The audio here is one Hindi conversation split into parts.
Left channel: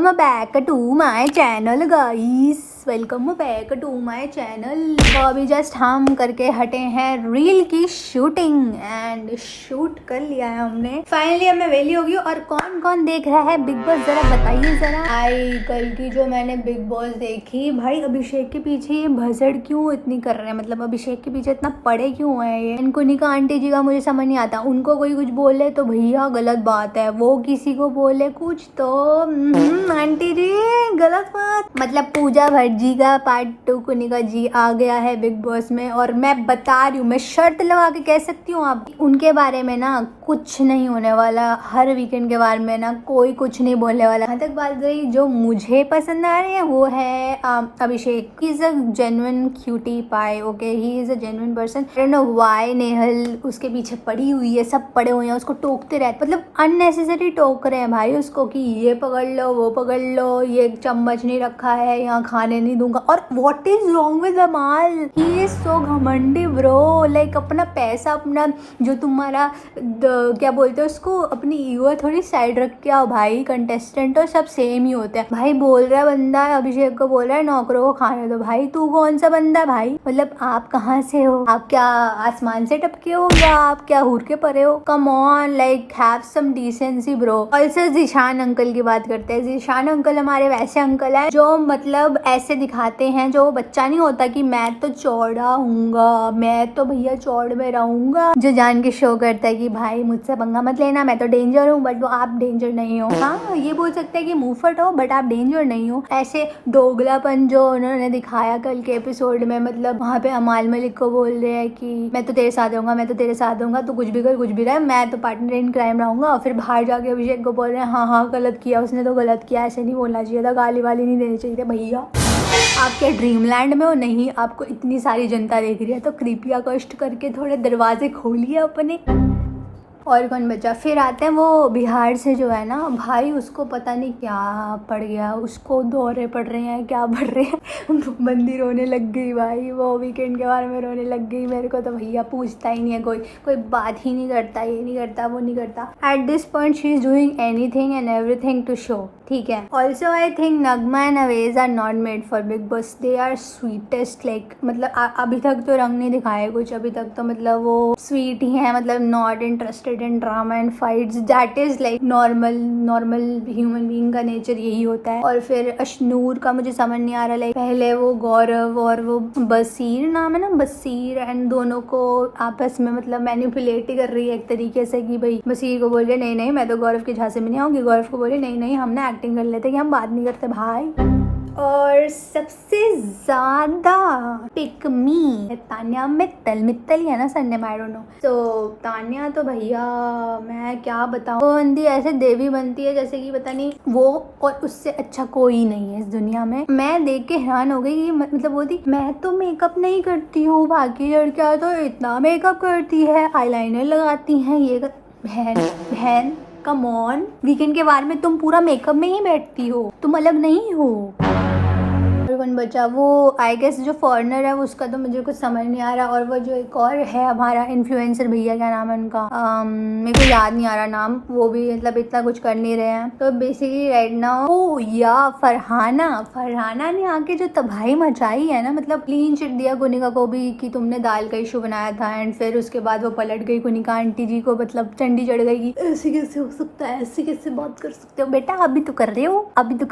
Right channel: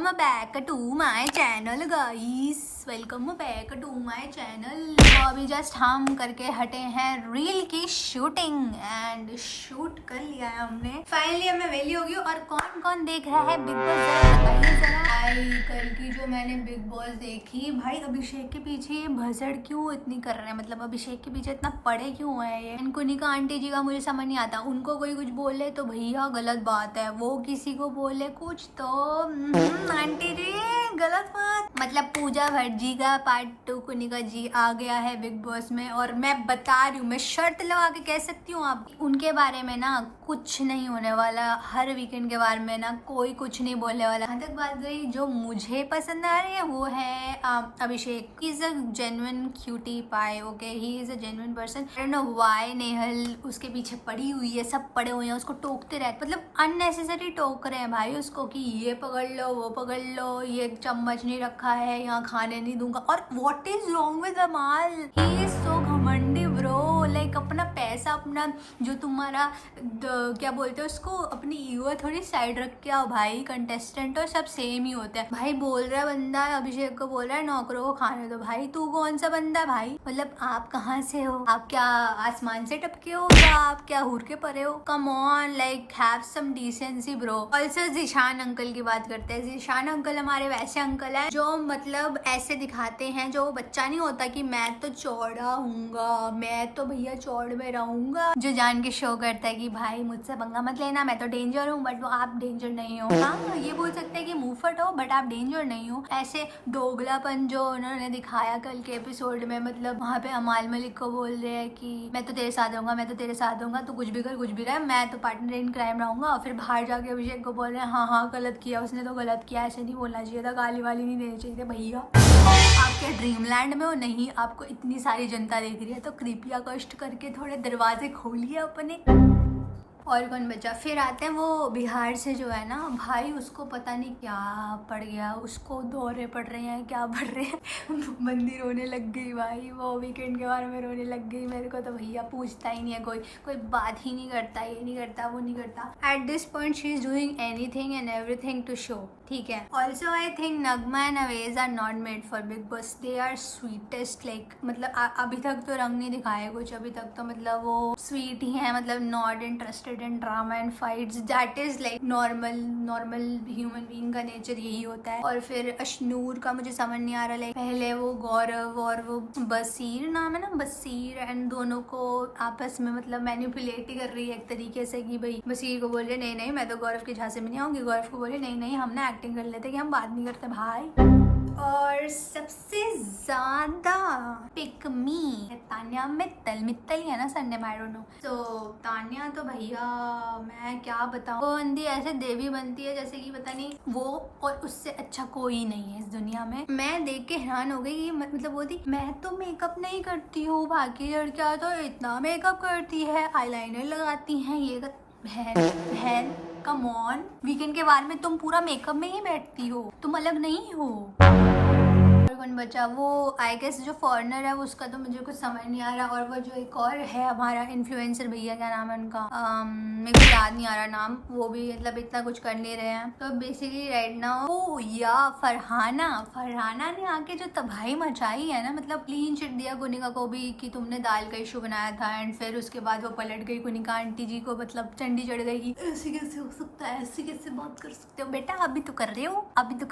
Welcome back to my channel guys, welcome back to my channel. तो अभी जस्ट हम करके हटे हैं रील की शूटिंग एंड शूट कर लिया है हमने। फाइनली अब मैं वेली हो गई। और कौन कौन देख रहा है बिग बॉस जरा बताइए जरा। आई कल की जो मैंने बिग बॉस देखी, भाई अभिषेक के पीछे ये भसड़ क्यों इतनी कर रहे हैं, मतलब अभिषेक के पीछे इतना पड़े क्यों है ये। इनको निका आंटी जी का मुझे समझ नहीं आता। उनको कोई कुछ बोले तो भैया गलत बात है, वो किसी को बोले कुछ तो आंटी जी गलत बात। मतलब पूजा भट्ट जी का पार्ट 2 कुनिका जी आ गया है बिग बॉस में। और मैं बता रही हूँ, मैं शर्त लगा के कह सकती हूँ आप उनके बारे में ना कुछ नहीं होने वाला। हर वीकेंड के बारे में ना कोई कुछ नहीं बोलने वाला। यहाँ तक बात रही जो मुझे पसंद आ रही है वो है Abhishek. He is a genuine cutie pie, okay, he is a genuine person. I don't know why Nehal उसके पीछे पड़ी हुई है, सब पड़े हुए हैं, उसको टोकते रहते, मतलब अननेसेसरी टोक रहे हैं भाई उसको कि ये पकड़ लो वो पकड़ लो, ये चम्मच नहीं रखा है, यहाँ खाने नहीं दूंगा। और व्हाट इज रॉन्ग विद अमाल, ही इज सो घमंडी ब्रो। लाइक अपना पैसा, अपना जो तुम्हारा क्या बोलते हैं उसको, अपनी ईगो थोड़ी साइड रख के आओ भाई। कंटेस्टेंट और सब सेम ही होते हैं भाई। बोल रहा है बंदा अभिषेक को, बोल रहा है नौकरों को खाने दो। भाई तू कौन सा बंदा भाई, मतलब आप कहाँ से हो? आप क्या आसमान से टपके हो या आप क्या हूर के परे हो? Come on, like have some decency bro. Also Zeeshan uncle की बात करते हैं। जीशान अंकल हमारे वैसे अंकल है जो मतलब ऐसे दिखाते हैं, जो बच्चा नहीं होता कि मैं तो चौड़ा हूँगा, मैं तो भैया चौड़ में रहूंगा, जो जान के शो करता है कि भाई मुझसे पंगा मत लेना, मैं तो डेंजर हूँ। बट वो आप डेंजर नहीं हो। हाँ ये बोल सकते हैं कि मुंहफट हो बट आप डेंजर नहीं हो। ऐसे दोगलापन जो उन्होंने दिखाया कल के एपिसोड में, मतलब वहाँ पे अमाल मलिक को बोल रहे हैं कि मैं तो तेरे साथ रहूंगा, मैं तो तेरे साथ रहूंगा, तो कुछ भी कर कुछ भी रहे, मैं तो पार्टनर इन क्राइम रहूंगा। और फिर बाहर जाके अभिषेक को बोल रहे हैं हाँ हाँ गलत किया उसने, तो गलत किया, ऐसे नहीं बोलना चाहिए था, गाली वाली नहीं देनी चाहिए थी भैया। आप क्या ड्रीमलैंड में हो? नहीं, आपको इतनी सारी जनता देख रही है तो कृपया कष्ट करके थोड़े दरवाजे खोलिए अपने। और कौन बचा? फिर आते हैं वो बिहार से जो है ना भाई, उसको पता नहीं क्या पड़ गया, उसको दौरे पड़ रहे हैं, क्या पड़ रहे हैं बंदी रोने लग गई भाई। वो वीकेंड के बारे में रोने लग गई। मेरे को तो भैया पूछता ही नहीं है, कोई बात ही नहीं करता, ये नहीं करता वो नहीं करता। At this point she is doing anything and everything to show, ठीक है। Also I think Nagma and Awez are not made for Bigg Boss, they are sweetest. Like मतलब अभी तक तो रंग नहीं दिखाए कुछ, अभी तक तो मतलब वो स्वीट ही है, मतलब not interested in drama and fights. That is like normal human being का नेचर यही होता है। और फिर अशनूर का मुझे समझ नहीं आ रहा, लाइक पहले वो गौरव और वो बसीर नाम है ना, बसीर, एंड दोनों को आपस में मतलब मैनिपुलेट ही कर रही है एक तरीके से कि भाई बसीर को बोल रहे नहीं नहीं मैं तो गौरव के झांसे में नहीं आऊंगी, गौरव को बोले नहीं नहीं हमने एक्टिंग कर लेते कि हम बात नहीं करते भाई। और सबसे ज्यादा पिक मी तान्या मित्तल ही है ना सरनेम, आई डोंट नो। तो तान्या तो भैया मैं क्या बताऊं, वो बंदी ऐसे देवी बनती है जैसे कि पता नहीं वो, और उससे अच्छा कोई नहीं है इस दुनिया में। मैं देख के हैरान हो गई। मतलब वो थी, मैं तो मेकअप नहीं करती हूँ, बाकी लड़कियां तो इतना मेकअप करती है, आईलाइनर लगाती हैं, ये बहन कम ऑन, वीकेंड के बारे में तुम पूरा मेकअप में ही बैठती हो, तुम अलग नहीं हो। कौन बचा? वो आई गेस जो फॉरेनर है उसका तो मुझे कुछ समझ नहीं आ रहा। और वो जो एक और है हमारा इन्फ्लुएंसर भैया, क्या नाम है उनका, मेरे को याद नहीं आ रहा नाम, वो भी मतलब इतना कुछ कर नहीं रहे हैं। तो बेसिकली राइट नाउ या फरहाना ने आके जो तबाही मचाई है ना, मतलब क्लीन चिट दिया कुनिका को भी कि तुमने दाल का इशू बनाया था, एंड फिर उसके बाद वो पलट गई कुनिका आंटी जी को, मतलब चंडी चढ़ गई कि ऐसे कैसे हो सकता है, ऐसे कैसे बात कर सकते हो बेटा, अभी तो कर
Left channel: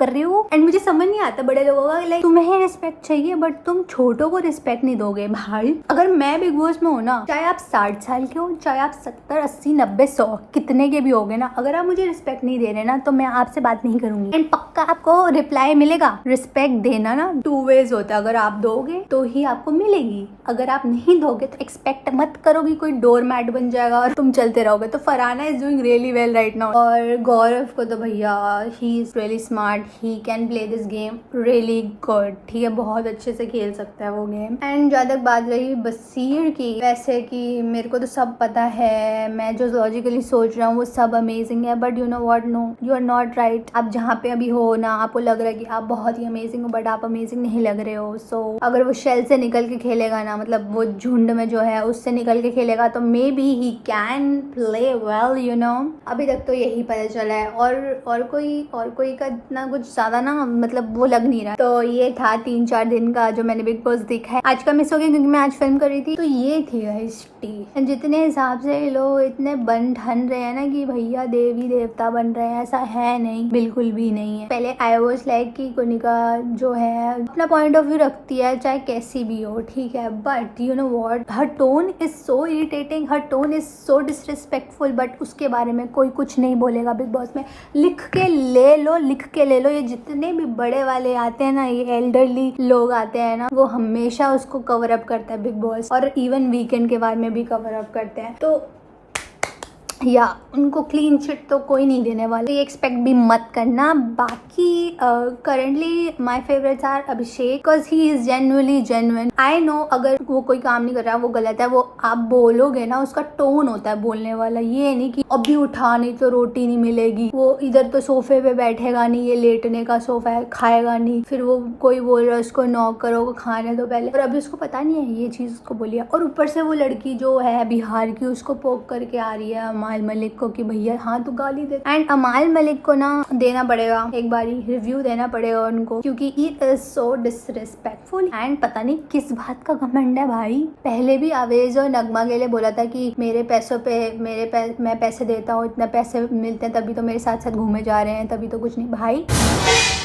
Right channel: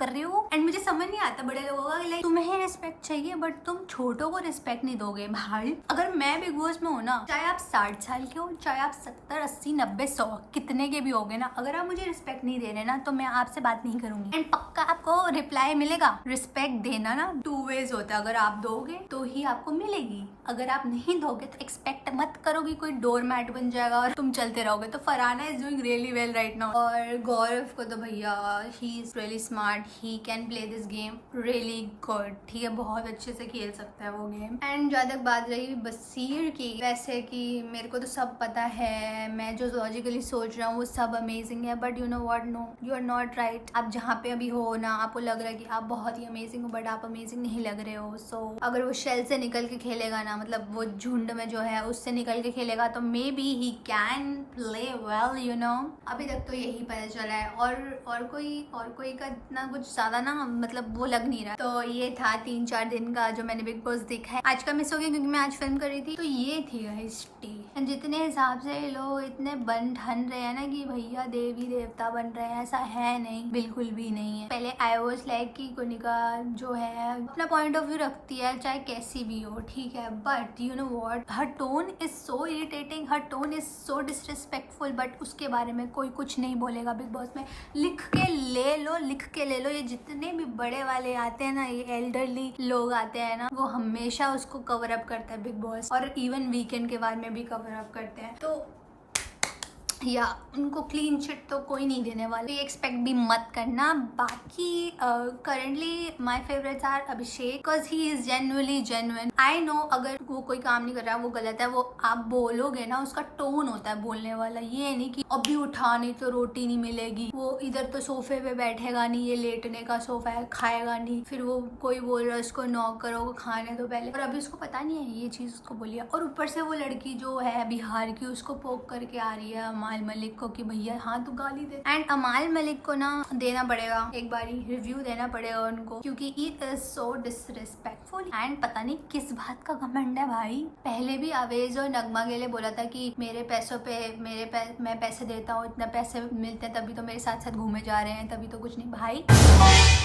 रहे हो। एंड मुझे समझ नहीं आता बड़े लोगों का, लाइक तुम्हें रिस्पेक्ट चाहिए बट तुम छोटों को रिस्पेक्ट नहीं दोगे भाई। अगर मैं बिग बॉस में हूँ ना, चाहे आप 60 साल के हो, चाहे आप 70 80 90 100 कितने के भी होगे ना, अगर आप मुझे रिस्पेक्ट नहीं दे रहे ना तो मैं आपसे बात नहीं करूंगी। एंड पक्का आपको रिप्लाई मिलेगा। रिस्पेक्ट देना ना 2 वेज होता है, अगर आप दोगे तो ही आपको मिलेगी, अगर आप नहीं दोगे तो एक्सपेक्ट मत करो कि कोई डोर मैट बन जाएगा और तुम चलते रहोगे। तो Farhana is doing really well right now. और गौरव को तो भैया he is really smart, he can play this game really good. ठीक है, बहुत अच्छे से खेल सकता है वो गेम। एंड जहाँ तक बात रही बसीर की, वैसे कि मेरे को तो सब पता है, मैं जो लॉजिकली सोच रहा हूँ वो सब अमेजिंग है, but you know what, no you are not right. आप जहाँ पे अभी हो ना, आपको लग रहा है कि आप बहुत ही अमेजिंग हो, बट आप अमेजिंग नहीं लग रहे हो। सो अगर वो शेल से निकल के खेलेगा ना, मतलब वो झुंड में जो है उससे निकल के खेलेगा, तो may be he can play well, you know. अभी तक तो यही पता चला है, और कोई का इतना कुछ ज्यादा ना मतलब वो लग नहीं रहा। तो ये था 3-4 दिन का जो मैंने बिग बॉस देखा है। आज का मिस हो गया क्योंकि मैं आज फिल्म कर रही थी। तो ये थी हिस्ट्री। जितने हिसाब से लोग इतने बन ठन रहे हैं ना कि भैया देवी देवता बन रहे हैं, ऐसा है नहीं, बिल्कुल भी नहीं है। पहले आई वाज लाइक कि कोनिका जो है अपना पॉइंट ऑफ व्यू रखती है, चाहे कैसी भी हो, ठीक है, but you know what, her tone is so irritating, her tone is so disrespectful, but उसके बारे में कोई कुछ नहीं बोलेगा बिग बॉस में। लिख के ले लो। ये जितने भी बड़े वाले आते हैं ना, ये एल्डरली लोग आते हैं ना, वो हमेशा उसको कवर अप करता है बिग बॉस, और इवन वीकेंड के बाद में भी कवर अप करते हैं। तो या उनको क्लीन चिट तो कोई नहीं देने वाला, ये एक्सपेक्ट भी मत करना। बाकी currently my favourites are Abhishek, because he is genuinely genuine. I know अगर वो कोई काम नहीं कर रहा, वो गलत है, वो आप बोलोगे ना, उसका टोन होता है बोलने वाला। ये नहीं कि अभी उठा नहीं तो रोटी नहीं मिलेगी, वो इधर तो सोफे पे बैठेगा नहीं, ये लेटने का सोफा है, खाएगा नहीं, फिर वो कोई बोल रहा है उसको नॉक करो, खाने दो पहले, और अभी उसको पता नहीं है ये चीज उसको बोलिए। और ऊपर से वो लड़की जो है बिहार की, उसको पोक करके आ रही है अमाल मलिक को कि भैया हाँ तू गाली दे। एंड अमाल मलिक को ना देना पड़ेगा, एक बारी रिव्यू देना पड़ेगा उनको, क्योंकि it is so disrespectful. And पता नहीं किस बात का घमंड है भाई। पहले भी आवेज और नगमा के लिए बोला था कि मेरे पैसों पे मैं पैसे देता हूँ, इतने पैसे मिलते हैं तभी तो मेरे साथ साथ घूमे जा रहे हैं, तभी तो कुछ नहीं। भाई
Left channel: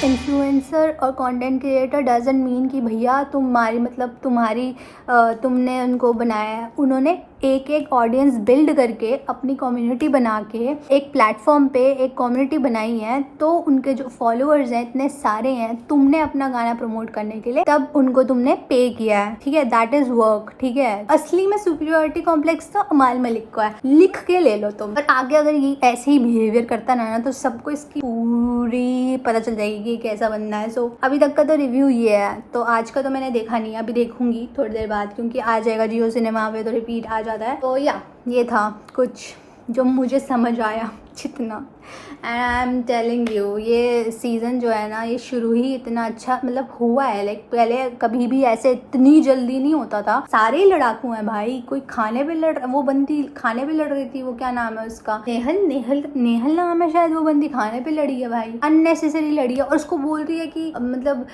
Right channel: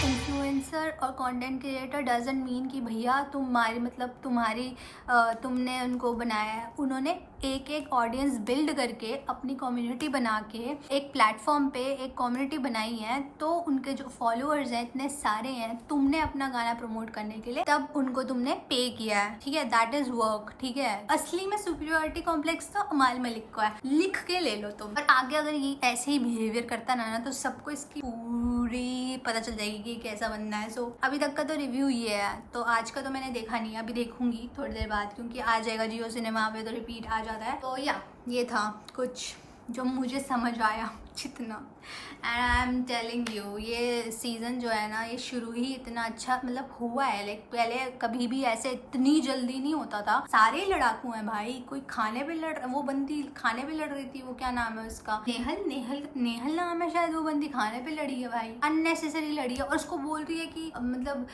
इन्फ्लुएंसर और कंटेंट क्रिएटर डजंट मीन कि भैया तुमने उनको बनाया है। उन्होंने एक ऑडियंस बिल्ड करके अपनी कम्युनिटी बना के एक प्लेटफॉर्म पे एक कम्युनिटी बनाई है, तो उनके जो फॉलोअर्स हैं इतने सारे हैं, तुमने अपना गाना प्रमोट करने के लिए तब उनको तुमने पे किया है, ठीक है, दैट इज वर्क, ठीक है। असली में सुपीरियरिटी कॉम्प्लेक्स तो अमाल मलिक को है, लिख के ले लो तुम। और आगे अगर ये ऐसे ही बिहेवियर करता ना तो सबको इसकी पूरी पता चल जाएगी कि कैसा बनना है। सो अभी तक का तो रिव्यू ये है। तो आज का तो मैंने देखा नहीं, अभी देखूंगी थोड़ी देर बाद, क्योंकि आ जाएगा जियो सिनेमा पे तो रिपीट आ जाता है। तो या ये था कुछ जो मुझे समझ आया जितना। And I am telling you, ये सीज़न जो है ना, ये शुरू ही इतना अच्छा मतलब हुआ है। लाइक पहले कभी भी ऐसे इतनी जल्दी नहीं होता था। सारे ही लड़ाकू हैं भाई, कोई खाने पे लड़, वो बंदी खाने पे लड़ रही थी, वो क्या नाम है उसका, नेहल नाम है शायद, वो बंदी खाने पे लड़ी है भाई, अननेसेसरी लड़ी है। और उसको बोल रही है कि मतलब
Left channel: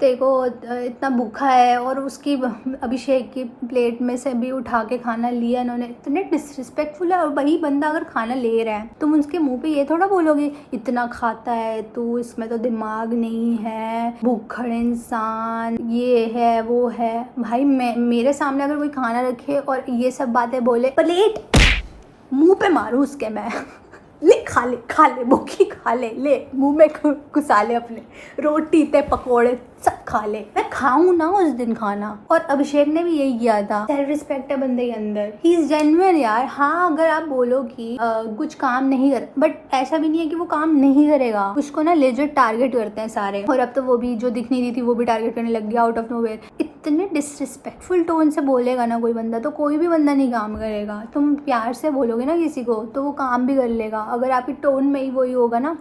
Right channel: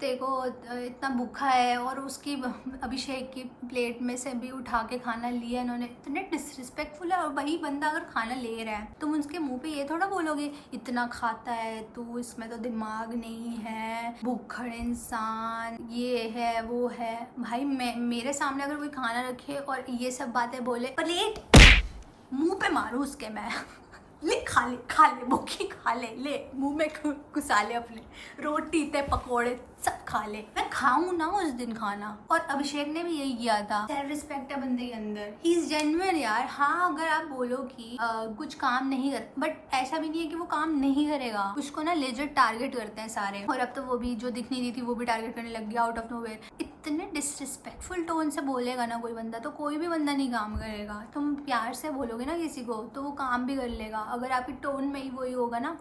देखो इतना भूखा है, और उसकी अभिषेक की प्लेट में से भी उठा के खाना लिया इन्होंने। इतने डिसरिस्पेक्टफुल है। और वही बंदा अगर खाना ले रहा है, तुम उसके मुंह पे ये थोड़ा बोलोगे इतना खाता है तू, इसमें तो दिमाग नहीं है, भूखड़ इंसान, ये है वो है। भाई मेरे सामने अगर कोई खाना रखे और ये सब बातें बोले, प्लेट मुंह पे मारूं उसके मैं ले खा ले भूखी खा ले मुंह में घुसा ले अपने, रोटी ते पकोड़े सब खा ले, मैं खाऊं ना उस दिन खाना। और अभिषेक ने भी यही किया था। सेल्फ रिस्पेक्ट है बंदे के अंदर, ही इज जेन्युइन यार। हाँ अगर आप बोलो कि कुछ काम नहीं कर, बट ऐसा भी नहीं है कि वो काम नहीं करेगा, उसको ना लेजिट टारगेट करते हैं सारे। और अब तो वो भी जो दिख नहीं रही थी वो भी टारगेट करने लग गया आउट ऑफ नोवेयर। इतने डिसरिस्पेक्टफुल टोन से बोलेगा ना कोई बंदा, तो कोई भी बंदा नहीं काम करेगा। तुम प्यार से बोलोगे ना किसी को तो वो काम भी कर लेगा। अगर आपकी टोन में ही वही होगा ना,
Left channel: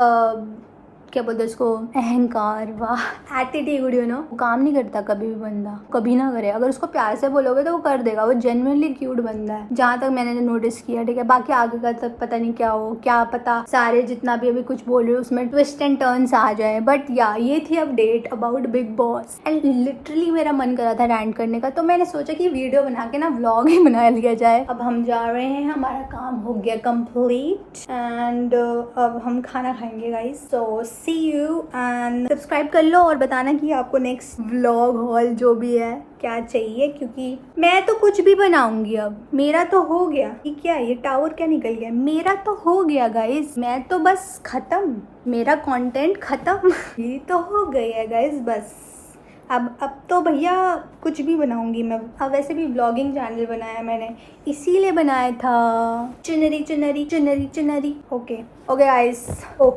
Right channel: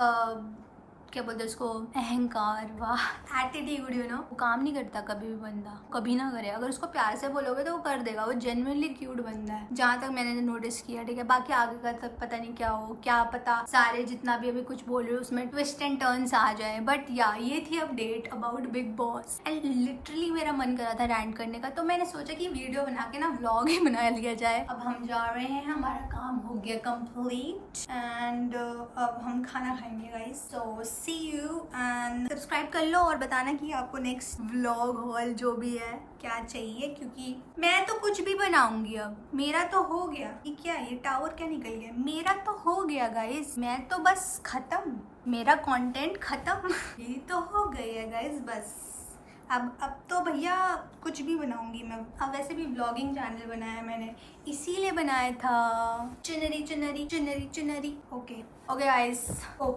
क्या बोलते हैं उसको, अहंकार, वाह, एटीट्यूड, यू नो, वो काम नहीं करता कभी भी बंदा, कभी ना करे। अगर उसको प्यार से बोलोगे तो वो कर देगा, वो जेन्युइनली क्यूट बंदा है, जहाँ तक मैंने नोटिस किया, ठीक है। बाकी आगे का तक पता नहीं क्या हो, क्या पता सारे जितना भी अभी कुछ बोल रहे हो उसमें ट्विस्ट एंड टर्न्स आ जाए। बट या ये थी update about big boss. And literally मेरा मन कर रहा था रैंट करने का, तो मैंने सोचा कि वीडियो बना के ना व्लॉग ही बना लिया जाए। अब हम जा रहे हैं, हमारा काम हो गया कंप्लीट, एंड अब हम खाना खाएंगे guys. So see you, and subscribe कर लो और बताना कि आपको नेक्स्ट व्लॉग हॉल जो भी है क्या चाहिए, क्योंकि मैं तो कुछ भी बनाऊंगी। अब मेरा तो हो गया, ये क्या है, ये टावर क्या निकल गया, मेरा तो हो गया गाइस, मैं तो बस खत्म, मेरा कंटेंट खत्म ये तो हो गई है गाइस बस। अब तो भैया कुछ भी बनाऊंगी मैं। अब वैसे भी व्लॉगिंग चैनल बनाया मैंने, इसीलिए बनाया था। चुनरी ओके गाइस। ओ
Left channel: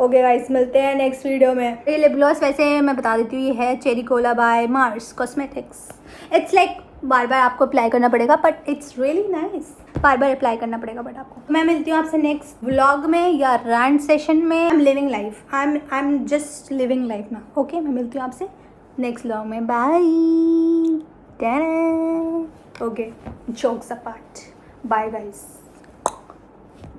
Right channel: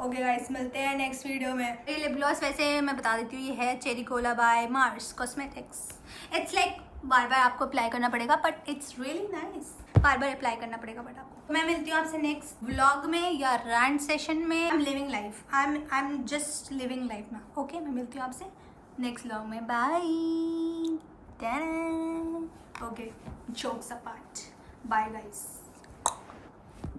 ओके गाइस, मिलते हैं नेक्स्ट वीडियो में। ये लिप ग्लॉस वैसे मैं बता देती हूँ, ये है cherry cola by Mars cosmetics. It's like बार बार आपको अप्लाई करना पड़ेगा, बट इट्स रियली नाइस। बार बार अप्लाई करना पड़ेगा बट आपको। मैं मिलती हूँ आपसे नेक्स्ट व्लॉग में या रैंट सेशन में। I am living life, I am just living life ना। ओके, मैं मिलती हूँ आपसे नेक्स्ट व्लॉग में। Bye. Okay, jokes apart, bye guys.